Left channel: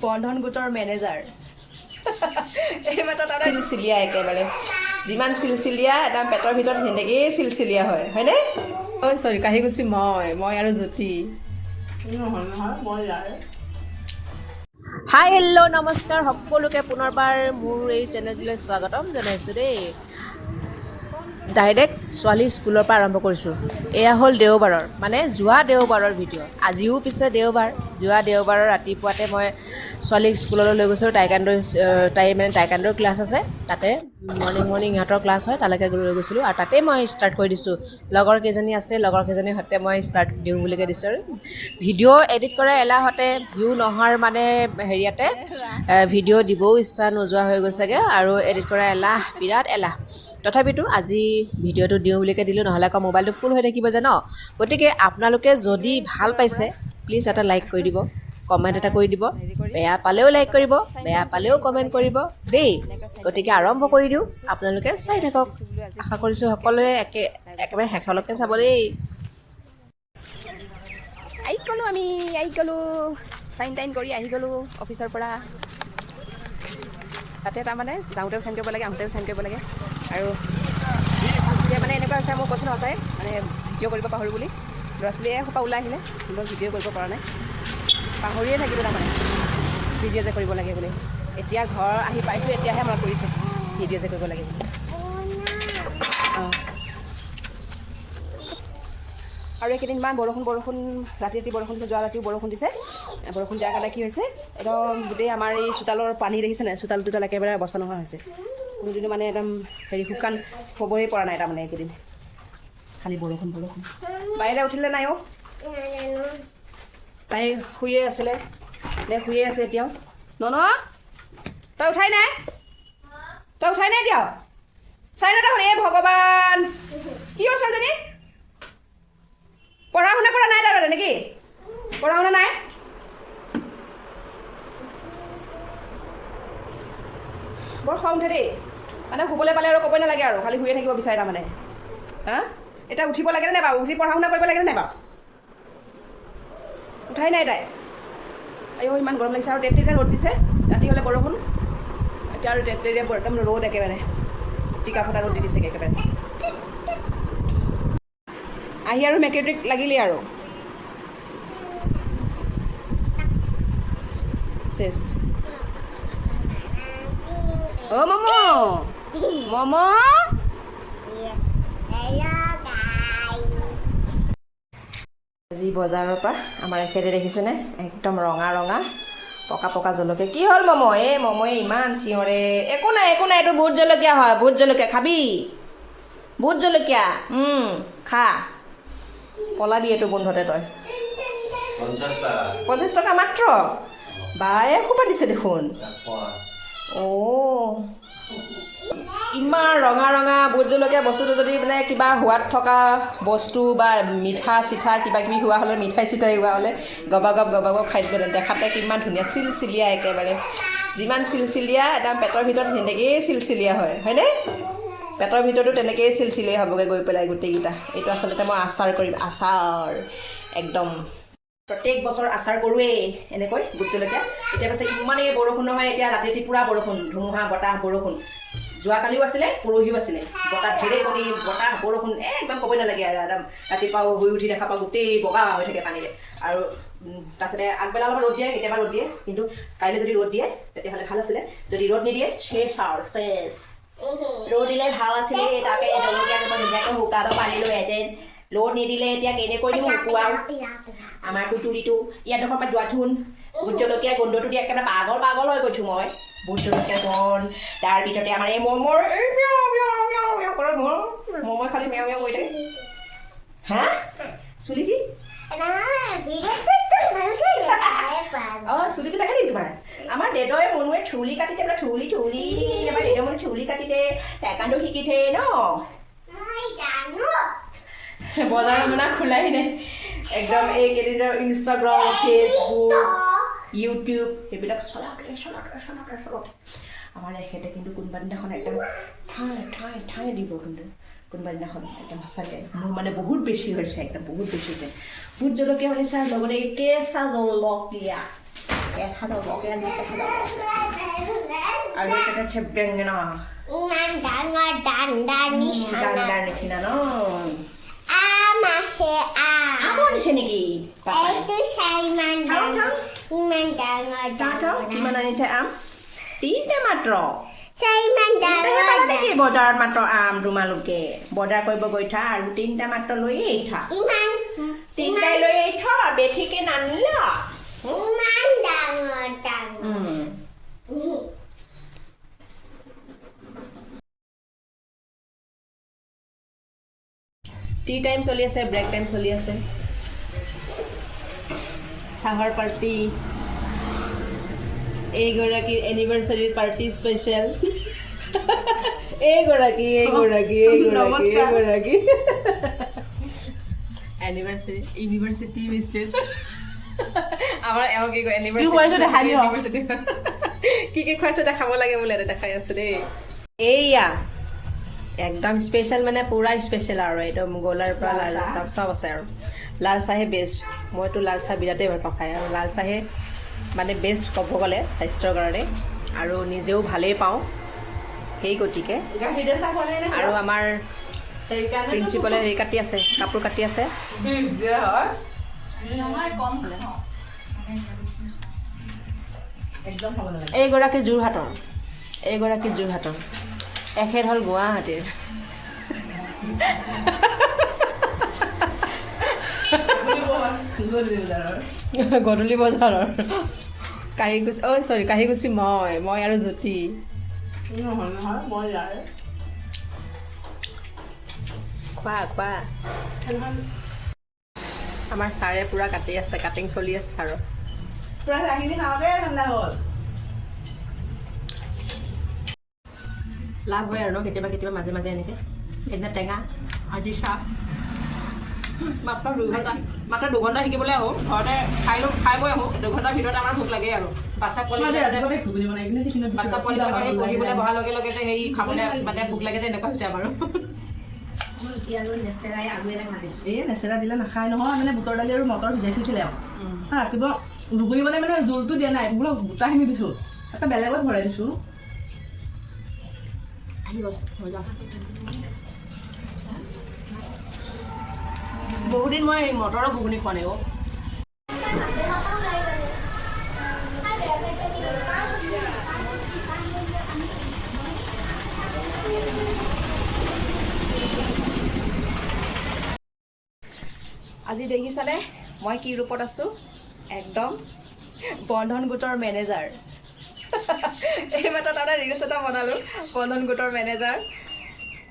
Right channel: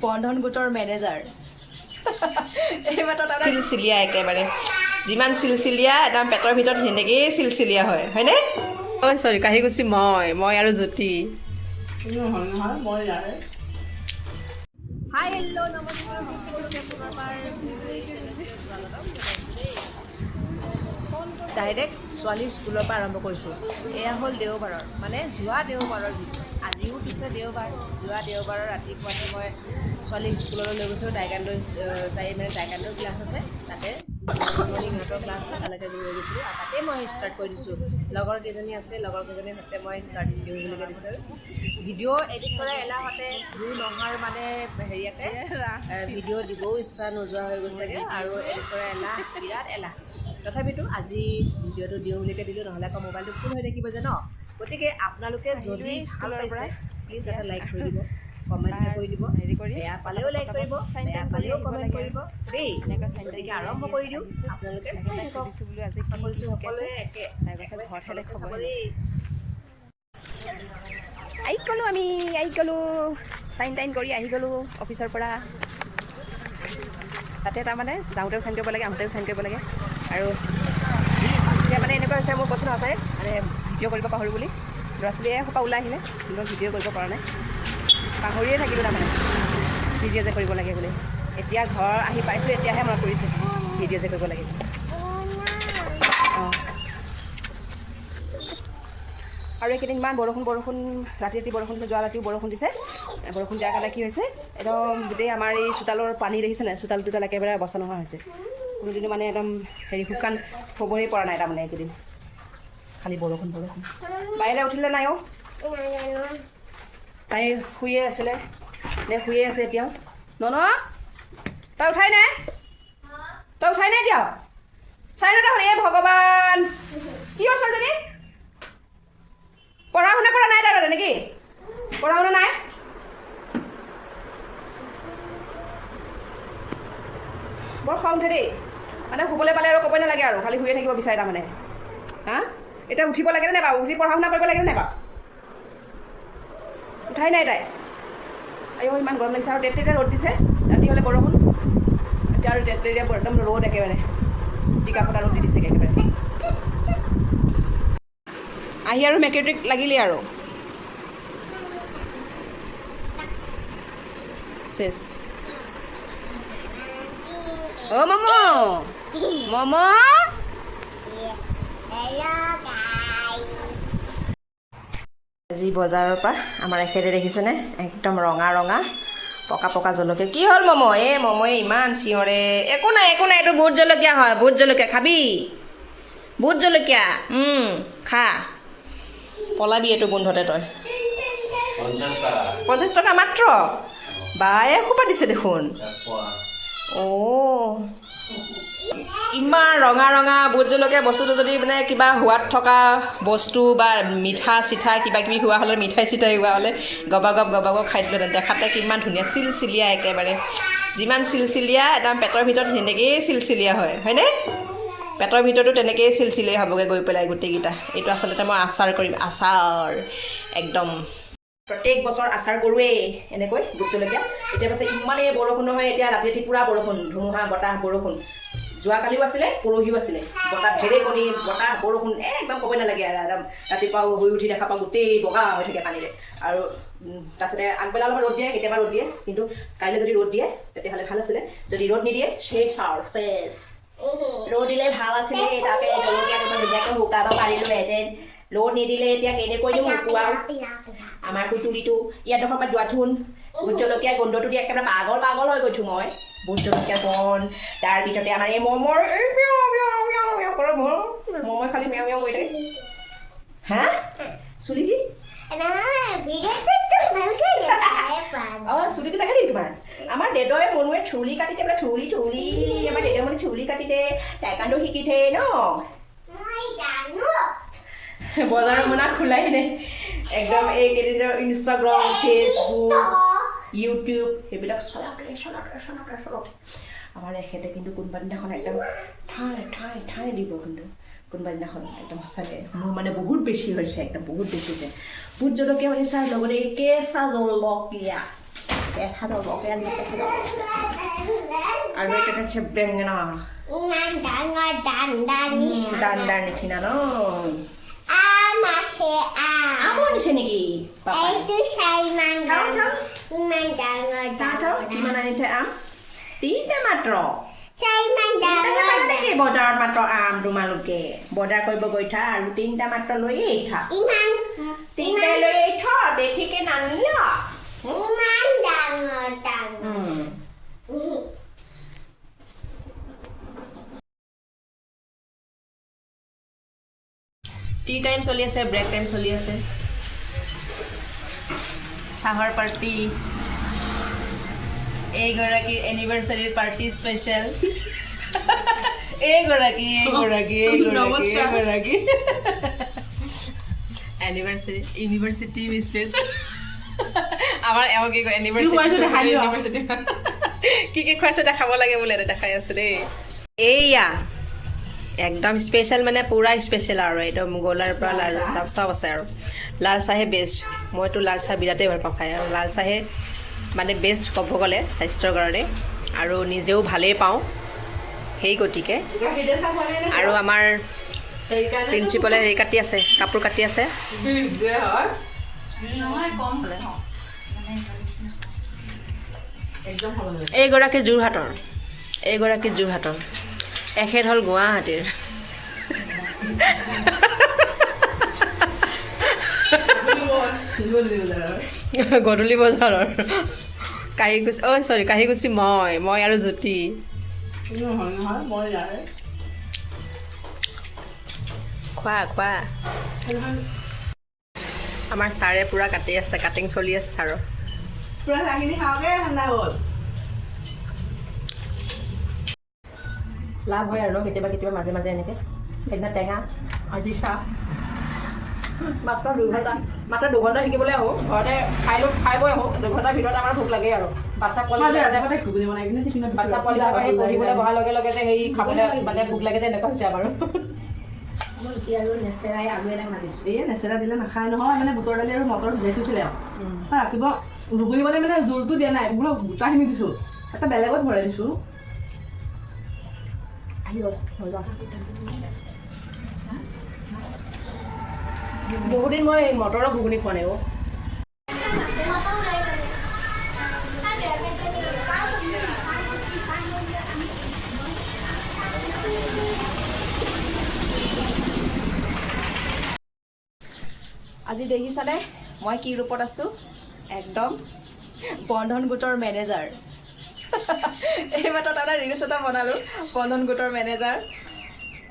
বন্ধন গোটৰ মেনেজাৰ এইমাত্ৰ তাৰমানে চিলচিলীয়া একেবাৰে যিমান চিলচিলীয়া একদম পেটৰ ভিতৰত সেনেকেই চিলচিলীয়া হয় হয়নে ঐ চৰি কাহিগুচি মই আৰু জ্যোতি হাই হেল্ল' নমস্কাৰ সকলোকে পুনৰবাৰ মোৰ এই চেনেলটোলৈ স্বাগতম জনাইছোঁ দেই ডাইৰেক্ট ছোৱালী স্কুলৰ পৰা আৰম্ভ কৰিছোঁ এয়া হ'ল দেওবাৰৰ মানে যোৱা দেওবাৰৰ ভিডিঅ' আজিও পিছে দেওবাৰ যোৱা দেওবাৰৰ ৰাতিপুৱাতে মই ছোৱালীক স্কুললৈ লৈ গৈছোঁ টাইকাণ্ডোৰ ক্লাছ আছে তাতে মৰ্ণিং ইহঁতৰ ক্লাছ হয় তালৈকে লৈ গৈছিলোঁ আৰু তাতে মই ষ্টাৰ্ট কৰি দিছোঁ লগৰ কেইজনী আছে লগৰ কেইজনীৰ সৈতে মই ষ্টাৰ্ট দিওঁ বুলিকৈ দিছোঁ আৰু ভিডিঅ' এডিট কৰা এলাহতে ভিউ নোহোৱাৰ মানে হেৰিয়াতে ভিডিঅ' দিবও ইচ্ছা নোযোৱা হৈ গৈছেগৈ আৰু এডিট কৰা এলাহ বিৰাট এলাহ তথাপিতো আজি ভিডিঅ'টো দিওঁ বুলিকৈ দিলোঁ নহ'লে আকৌ মোবাইলটো ফুল হৈ থাকিব যে ন গতিকে আপোনালোকে যদি ভাল পাইছে প্লিজ এটা লাইক কৰি দিব কমেণ্ট এটা কৰি দিব বেয়া পালেও লাইক কৰিব বেয়া পালেও কমেণ্ট কৰিব দেই গতিকে আৰম্ভ কৰি দিওঁ আপোনালোকে চাই থাকক আশা কৰিছোঁ সকলোৱে একেবাৰে শেষলৈকে চাব দেই আহি গ'লোঁ চাইন টাইন কৰি আহি গ'লোঁ অফিচৰ পৰা তাতে তাৰমানে যাওঁতেও চাইন কৰিব লাগে আহোঁতেও চাইন কৰিব লাগে আৰু এতিয়া মানে এনেকুৱা হৈছে মোৰ কৈছোঁ সঁচাই মানে ভিডিঅ' কৰিব পাহৰোঁ বুলি ল'ৰা ছোৱালীয়ে সোপা ওলাই আহিলে মই ভিডিঅ' কৰিব পৰা নাই পাহৰিয়ে থাকিলোঁ তাৰমানে ভিডিঅ' যে কৰিব লাগে বুলি এতিয়া ঘৰ আহি পাইছোঁ এতিয়াহে মনত পৰিছে ভিডিঅ' যে কৰিব লাগে অঁ আৰু এইকেইদিন ইমান বৰষুণ ৰাতি বৰষুণ দিছে যোৱা ৰাতিও বৰষুণ দিছে বৰষুণ দিয়াৰ কাৰণে কি হৈছে একদম গোটেই আমাৰ এই চোতালৰ পানী দেখিছে নাই চোতাল টোতাল একেবাৰে অৱস্থা নোহোৱা হৈছে কোনোদিনো মানে একদম শুকান হ'বই পৰা নাই তাৰমানে এইকেইদিন খালি বৰষুণ বাহিৰে উঠিলে নাই অ' তাই শুয়ে আছিলে শুয়ে আছে এতিয়াও তই উঠাই নাই এতিয়াও চাই নটা হ'ল এই ভগৱান কি হ'ল ছোৱালীজনী পঢ়া শুনা কৰা নাই তাৰমানে নেকি পঢ়া শুনা নাই বৰ খং উঠে দেই মানে শুবলৈ পালে আৰু ক'বই নালাগে আৰু খালি শুয়ে থাকিব বিচাৰে তাৰমানে হা এতিয়া উঠিব লাগেনে নাই বাৰু উঠি পঢ়া শুনা কৰিব লাগেনে নাই বাৰু উঠাই নাই তাই আইও ইমান গৰম লাগিছে আৰু তেতেৰিয়া ৰ'দ দিছে ৰাতি হ'লে বৰষুণ এতিয়া আৰু তেতেৰিয়া একদম ৰ'দ একেবাৰে টিকা ফটা ৰ'দ দি দিছেগৈ একেবাৰে আহি আৰু মেকেট্ৰিক লাগিলে আৰু শেষ অ' মম আজি বজাৰৰ পৰা আমাৰ এখেতে দেখিছেনে একদম ৰঙা পকা জলকীয়া কি হ'ল মময়ে ইমান চিঞৰে একো নাই এইটো ভোট জলকীয়া হয় ভোট জলকীয়া খাবি ভোট জলকীয়া খা পলাবি এইটো গোন্ধতে তই 50 টকা মাত্ৰ বায়ে সোপা দিছে দেখোন অ' ইমান ৰঙা ভোট জলকীয়া বস্তুটো যদি মানে কিবা সোৱাদ থকা বস্তু বা মিঠা চিঠা কিবা কিবি হোৱা হ'লে মিঠাই চিঠাই হোৱা হ'লে গবাগব খাই দিলোঁ দেখাতে কিমান ধুনীয়া চিলচিলীয়া একেবাৰে যিমান চিলচিলীয়া একদম পেটৰ ভিতৰত সেনেকেই চিলচিলীয়া হয় হয়নে পেটৰ ভিতৰতো তেনেকেই চিলচিলীয়া হ'বগৈ গৈ পেলাই গোটেইকেইটা এইটো আচলতে মই আচাৰ কৰিম আচাৰ একদম প্ৰত্যেক বছৰ আচাৰ কৰোৱেই এনেকৈ ভোট জলকীয়া এতিয়া পাছে ইমানেই বৰষুণ নহয় এতিয়া ৰাতি পূৰা বৰষুণ ধুমুহা বতাহ বৰষুণ যোৱাকালিও আছিলে পৰহিও আছিলে বতাহ ঢেৰেকণি বতাহ বৰষুণ একদম ক'বই নালাগে একদম ৰাতিপুৱা শুই উঠি দেখা পাওঁ গোটেই বগা হৈ থাকে পানীৰে আৰু তাৰপিছতে আগবেলা অলপমান ৰ'দ দিয়ে কেতিয়াবা ৰ'দ দিয়ে কিন্তু কাইলৈ যদি ৰ'দ দিয়ে তেতিয়াহ'লে ভাল আছিলে যদি ৰ'দ নিদিয়ে শেষ ৰ'দ দিলে ভাল আছিলে তাতে জলকীয়া ধুনীয়াকৈ শুকাব পাৰিলোহেঁতেন ৰ'দ নিদিলে এতিয়া কেনেকৈ দিওঁ শুকুৱাওঁ আমাৰ কুটুলিটো ইয়াৰডোখৰ পৰা যোৱাথোন ভোট জলকীয়া গোন্ধটো দি একেবাৰে পাগল হৈ গৈছোঁ মই ভোট জলকীয়া গোন্ধ তাৰ ভিতৰতে আমাৰ এই মমৰ মমই খালি মেও কৰি থাকে হা চুলি কি অঁ চুলিটো থাকে নেকি তোমাৰ আমাৰ দেদৰে মনুৱে চুলি কাটিতে বোলে চুলি আমাৰ দেদৰ মানে চুলি কাটিতে টাইকাণ্ডো শিকিছে ন বজাৰৰ মানে খোলাই নাই একদম এইকেইদিন ইনষ্টাগ্ৰাম ফেচবুক ইউটিউব সেইবিলাক চলাওঁতে আমাৰ এখেতে কিন্তু কোনোবা দিনাখন একদম ঠাই দিব কিন্তু কোনোবা দিনাখন একদম সঁচাকৈ মোৰ মানে বহুত বেছি হৈছে একদম বহুত বেছি হৈছে ভোট জলকীয়া মানে চাই লগতে কেঁচা জলকীয়া দেখা যাব কেনে দেখা যাব আৰু এটা আছে বেঙেনা ইমান ডাঙৰ ডাণ্ডাৰ নিচিনা ন আম আছে আমৰ নিচিনা নেকি পাপা এইটো চাই ইমান ডাঙৰ কিমান আনিছে আম 3টা মাত্ৰ চাই ইমান ডাঙৰ নেকি বজাৰত মাত্ৰ আম তোমালোকে বজাৰ কৰিব গৈ থা আৰু 3টা মাত্ৰ লৈ থা ইমান 3টাই লৈ থা বেঠিকে নানিলা ইমান ডাঙৰ টি টাইম চলি আছে ব্ৰেক টাইম চলি আছে চাহৰ পাৰ্টি এইগৰাকী এনিভাৰ্চাৰী পাৰ্টি স্পেচিয়েল এইগৰাকী এনিভাৰ্চাৰী ইউনিভাৰ্চিটি স্পেচিয়েল আমাৰ এওঁ কি কয় ইউনিভাৰ্চিটি কি খুৱাইছে দেখাব লাগে বোলে দেখাই আছো দেই এইয়া একদম স্পেচিয়েল মানে পুৰা স্পেচিয়েল আৰু একদম গোলাৰ পৰা লাল চব আছে আৰু লাল চাহে বেষ্ট মইতো লাল চাহ বিৰাটেই ভাল পাওঁ খাই আৰু লাল চাহে মানে বেষ্ট ক'ব গ'লে স্বাস্থ্যৰ কাৰণে আৰু নিজেও ভালেই পাওঁ সেই গতিকে আৰু আমাৰ প্ৰিন্সিপালে হেৰি কাটি আছে কাপোৰ কাটি আছে এইগৰাকী যোৰহাটৰ এখেত হ'ল গুৱাহাটীৰ গধূলি বজাৰৰ কাহিগুচি মই আৰু জ্যোতি খোৱা আমাৰ ছাৰে পূৰা কাটি আছে কাটিং চলি আছে ছাৰৰ পুৰা চাহখিনি খাওঁগে ঠাণ্ডা হ'ল লাভ হয় আৰু ন কেতিয়াবা মাজে মাজে এনেকৈ সেইদিনা টেঙা আজি চাহ মাত্ৰ 2 ঘণ্টা শিকিবলৈ আহোঁ ঘৰতে খাই বৈ আহোঁ 2 ঘণ্টাৰ ভিতৰতে আমাৰ ভোক লাগে আৰু বাচ্চা পোৱালিবিলাকৰ সেই পঢ়িবলৈ বহাৰ লগে লগে যে সেই খাবলৈ মানে ভোক লাগে যে এনেকুৱা হৈছে আমাৰো নেচেৰা দিলে নাখায় নহয় মানে বুটৰ দালি আৰু মটৰ ভিজাই থৈছিলে আৰু ৰাতিপুৱা ৰুগুৰিবলৈ মানে জোলটো দিয়া নাই বোলো গোটাখিনি দিছোঁ এটা বেলেগত ভৰাই দিছোঁ বহুদিন মই মটৰৰ ঘুগুনি খোৱা নাই আজি দেখিছানে মই কি ৰূপত আছোঁ একদম বন্ধন গোটৰ মেনেজাৰ এইমাত্ৰ তাৰমানে ৰিলছ এটা বনালোঁ বন্ধন গোটৰ মেনেজাৰ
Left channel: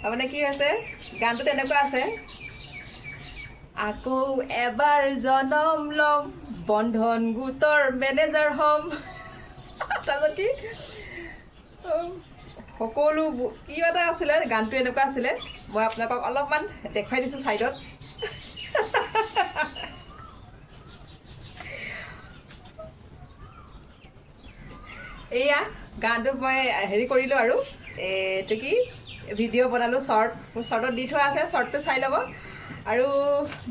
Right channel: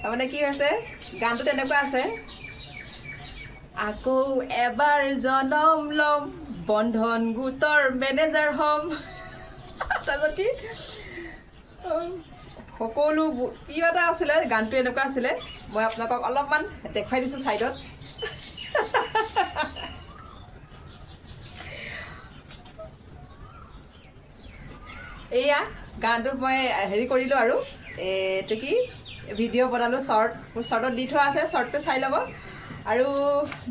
তাৰমানে কি হৈছে গানটো তেনেকুৱা আছে আকৌ এবাৰ জনম ল'ম বন্ধন গোটৰ মেনেজাৰ হ'ম তাৰপিছত কি সকলো কিবা এটা আছিলে গানটো এনেকুৱা আছিলে মই আপোনালোকক অলপমান দেখুৱাই দিছোঁ ছাইডত এয়া গানটোত মই হেৰি কৰিলোঁ আৰু এইটো কি ভিডিঅ' বনালোঁ মোৰ শ্বৰ্টত দি থোৱা আছে শ্বৰ্টটো চাই ল'ব আৰু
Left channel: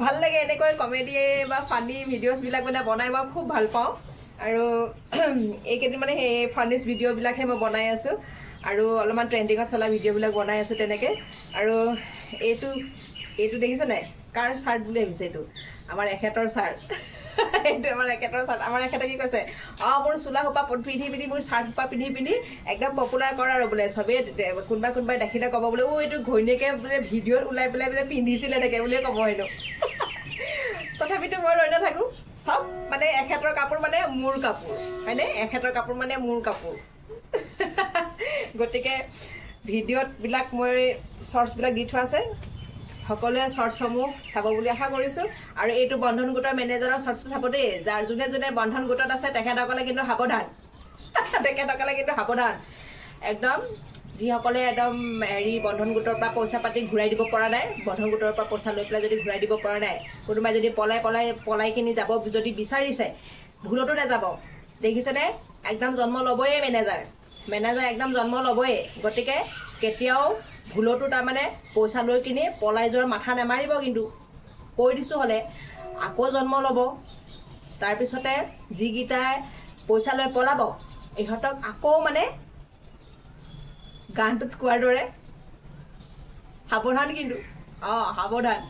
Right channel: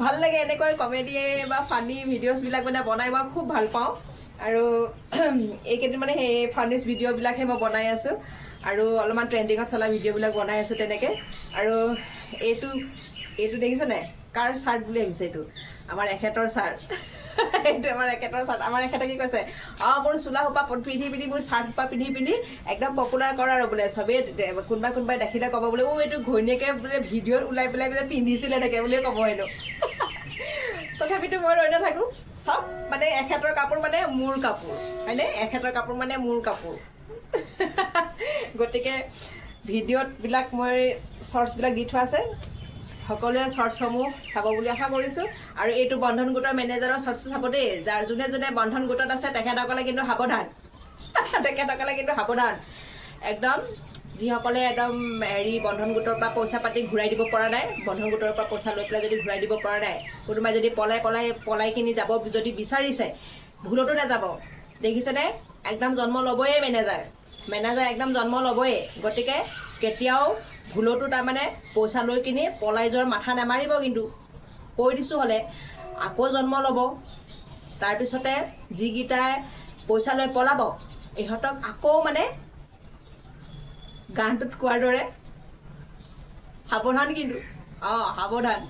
ভাল লাগে এনেকৈ কমেডি বা ফানি ভিডিঅ'ছবিলাক মানে বনাই মই খুব ভাল পাওঁ আৰু এইকেইদিন মানে সেই ফানিছ ভিডিঅ'বিলাকহে মই বনাই আছোঁ আৰু অলপমান ট্ৰেণ্ডিঙত চলা ভিডিঅ'বিলাক বনাই আছোঁ তেনেকৈ আৰু এইটো দেখিছে নাই কাৰ চাৰ্ট বুলি আহিছে এইটো আমাৰ এখেতৰ চাৰ্ট এইটো আমাৰ এখেতৰ চাৰ্ট আমাৰ এখেতে কি কৈছে মোৰ চোলা সোপা পিন্ধি মোৰ চাৰ্ট সোপা পিন্ধি একদম পপুলাৰ কৰা আৰু বোলে চবেই কোনোবাই দেখিলে ক'ব বোলে এইটো ঘৈণীয়েকে বোলে ভিডিঅ'ত ওলাই পেলাই বোলে পিন্ধিছিলে থাকে বুলিয়ে ক'ব হেনো তথাপিতো মই ৰৈ নাথাকোঁ চব মানে এখেতৰ কাপোৰ মানে মোৰ কাপোৰ হয়নে এখেতৰ কাপোৰ মানে মোৰ কাপোৰ গতিকে ভিডিঅ'বিলাক মই শ্বৰ্টছবিলাক দি থোৱা আছে সকলোৱে শ্বৰ্টছসমূহ চাব বুলি আশা কৰিছোঁ আৰু এইটো বন্ধন গোটৰ মেনেজাৰৰ শ্বৰ্টছটো চাব দেই যোনে বন্ধন গোটত আছে তেখেতসকলে কিন্তু সাৱধান একদম যিসকলে একদম হেৰি বন্ধন গোটৰ পৰা পইচা পাতি ঘূৰাই দিব পৰা নাই বন্ধন গোটৰ পৰা পইচা লৈ পেলাই যদি ঘূৰাই দিব পৰা নাই কোনোবাই যদি পলাই কিনি যাব যদি বিচাৰিছে ভুলতো নাযাব দেখিছেনে একদম জন্ম ল'বই মেনেজাৰ একদম জন্ম ল'বই গতিকে কেতিয়াও ভুলতো তাৰমানে পইচা লৈ কিনি পলাই যোৱাৰ মাথা নামাৰিব কিন্তু কৈ দিছোঁ হ'লে আকৌ জন্ম ল'ব তাৰপিছতে যিকেইটাই পইচা লৈ পলাব ইহঁতক আকৌ মানে গানটোত কোৱাৰ দৰে সাৱধান কিন্তু সাৱধান